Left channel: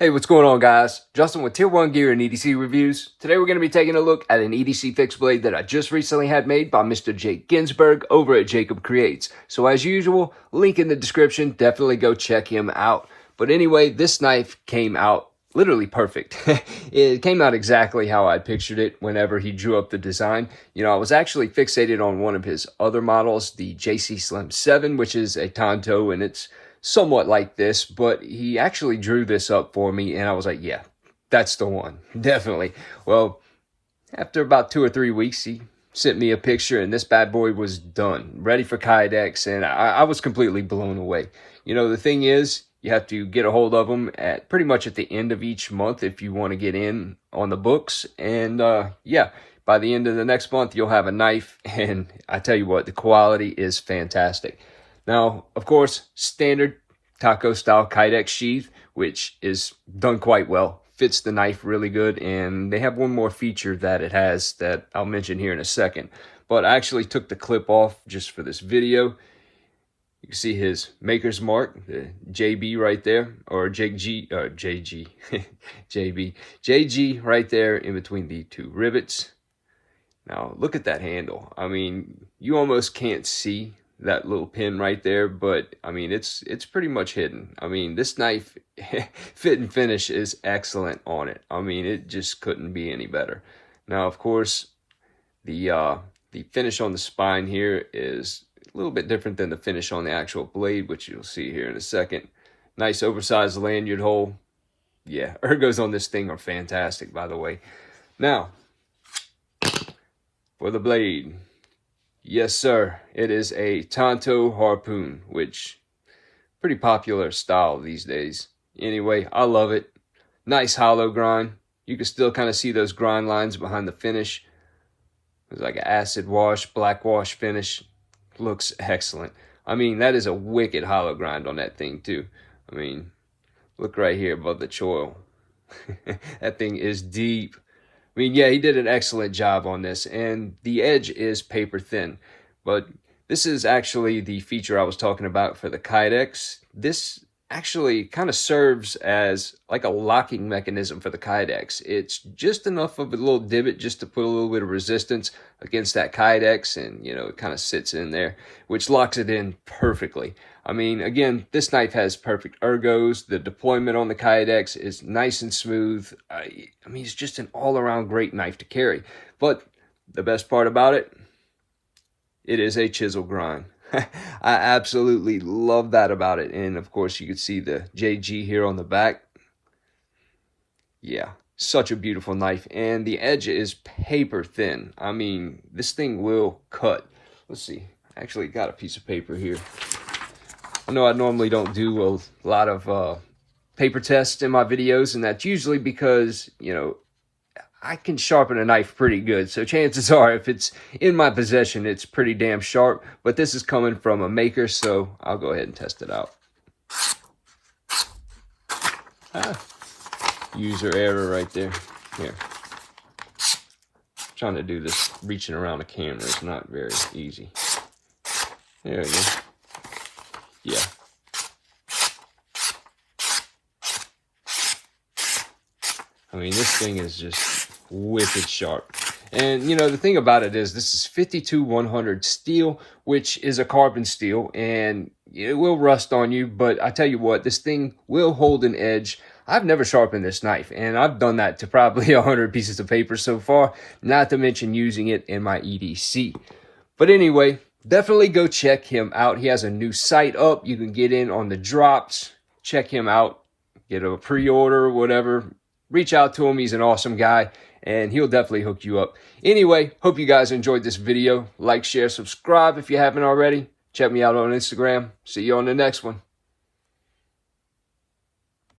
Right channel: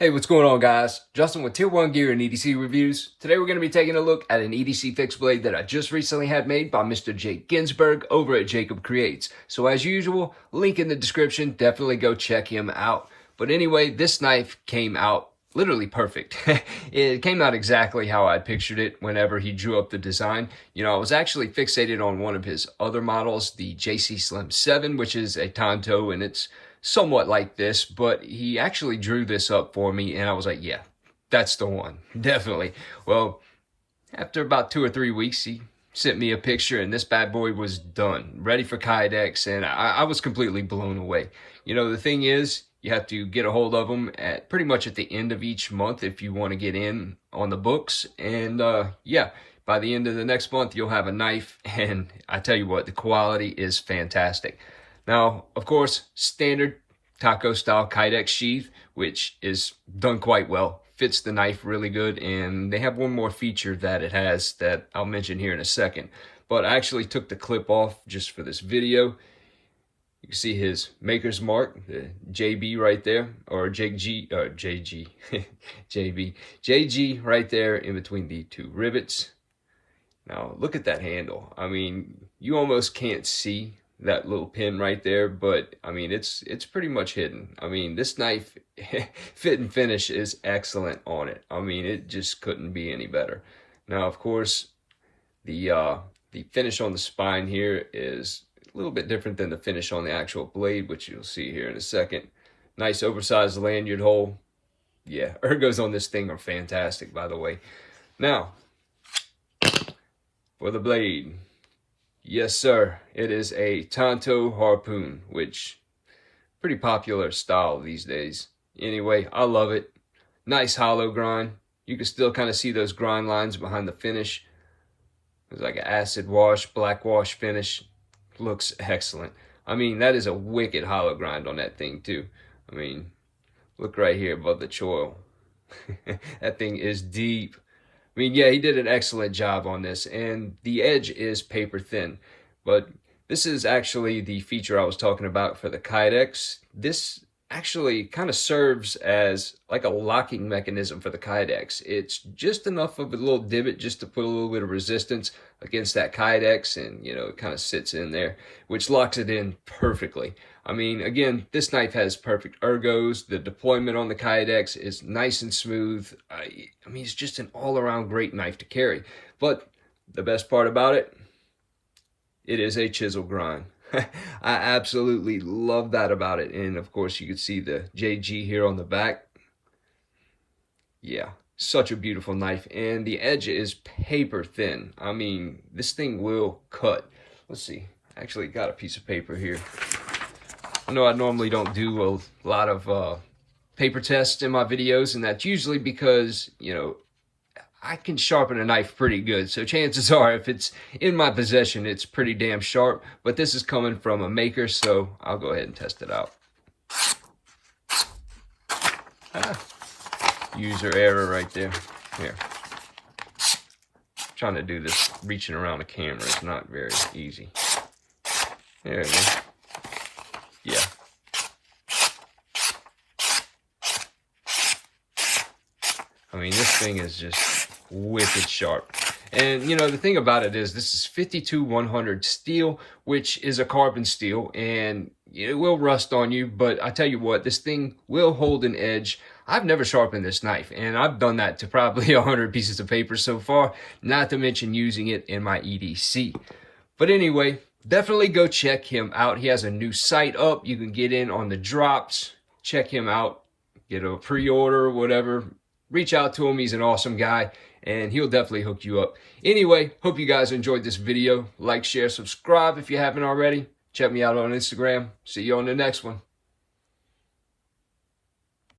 Hey, what's going on, guys? Justin with Tier 1 Gear and EDC Reviews. Today we're going to be taking a look at an EDC fixed blade that I just recently had made by Mr. Jake Ginsburg over at Jakeb Creates. So as usual, link in the description, definitely go check him out. But anyway, this knife came out literally perfect. It came out exactly how I pictured it whenever he drew up the design. You know, I was actually fixated on one of his other models, the JC Slim 7, which is a Tanto, and it's somewhat like this, but he actually drew this up for me, and I was like, yeah, that's the one, definitely. Well, after about 2 or 3 weeks, he sent me a picture, and this bad boy was done, ready for Kydex, and I was completely blown away. You know, the thing is, you have to get a hold of them at pretty much at the end of each month if you want to get in on the books, and yeah, by the end of the next month, you'll have a knife, and I tell you what, the quality is fantastic. Now, of course, standard taco style Kydex sheath, which is done quite well, fits the knife really good, and they have one more feature that it has that I'll mention here in a second. But I actually took the clip off just for this video. You can see his maker's mark, the JB right there, or JG, JG right there in between the two rivets. Now, look at that handle. I mean, you almost can't see that little pin right there, but I mean, it's pretty much hidden. I mean, this knife fit and finish is excellent on it. I mean, it just couldn't be any better. Now, of course, the finish on the spine here is a little bit different than the finish on the actual blade, which you'll see here in a second. Nice oversized lanyard hole. Yeah, ergos on this thing are fantastic, by the way. Now, for the blade. Yes, sir. It is a Tanto harpoon, which pretty popular style these days. Anyway, I love it. Nice hollow grind. You can still kind of see those grind lines behind the finish. It's like an acid wash, black wash finish. Looks excellent. I mean, that is a wicked hollow grind on that thing too. I mean, look right here above the choil. That thing is deep. I mean, yeah, he did an excellent job on this, and the edge is paper thin, but this is actually the feature I was talking about for the Kydex. This actually kind of serves as like a locking mechanism for the Kydex. It's just enough of a little divot just to put a little bit of resistance against that Kydex, and you know, it kind of sits in there, which locks it in perfectly. I mean, again, this knife has perfect ergos. The deployment on the Kydex is nice and smooth. I mean, it's just an all-around great knife to carry. But the best part about it, it is a chisel grind. I absolutely love that about it. And of course, you can see the JG here on the back. Yeah, such a beautiful knife. And the edge is paper thin. I mean, this thing will cut. Let's see. I actually got a piece of paper here. I know I normally don't do a lot of paper tests in my videos, and that's usually because, you know, I can sharpen a knife pretty good. So chances are, if it's in my possession, it's pretty damn sharp. But this is coming from a maker, so I'll go ahead and test it out. User error right there. Here. Trying to do this reaching around the camera is not very easy. There we go. Yeah. I mean, this thing is just wicked sharp. And, you know, the thing about it is this is 52-100 steel, which is a carbon steel, and it will rust on you, but I tell you what, this thing will hold an edge. I've never sharpened this knife, and I've done that to probably 100 pieces of paper so far, not to mention using it in my EDC. But anyway, definitely go check him out. He has a new site up. You can get in on the drops. Check him out. Get a pre-order or whatever. Reach out to him. He's an awesome guy, and he'll definitely hook you up. Anyway, hope you guys enjoyed this video. Like, share, subscribe if you haven't already. Check me out on Instagram. See you on the next one.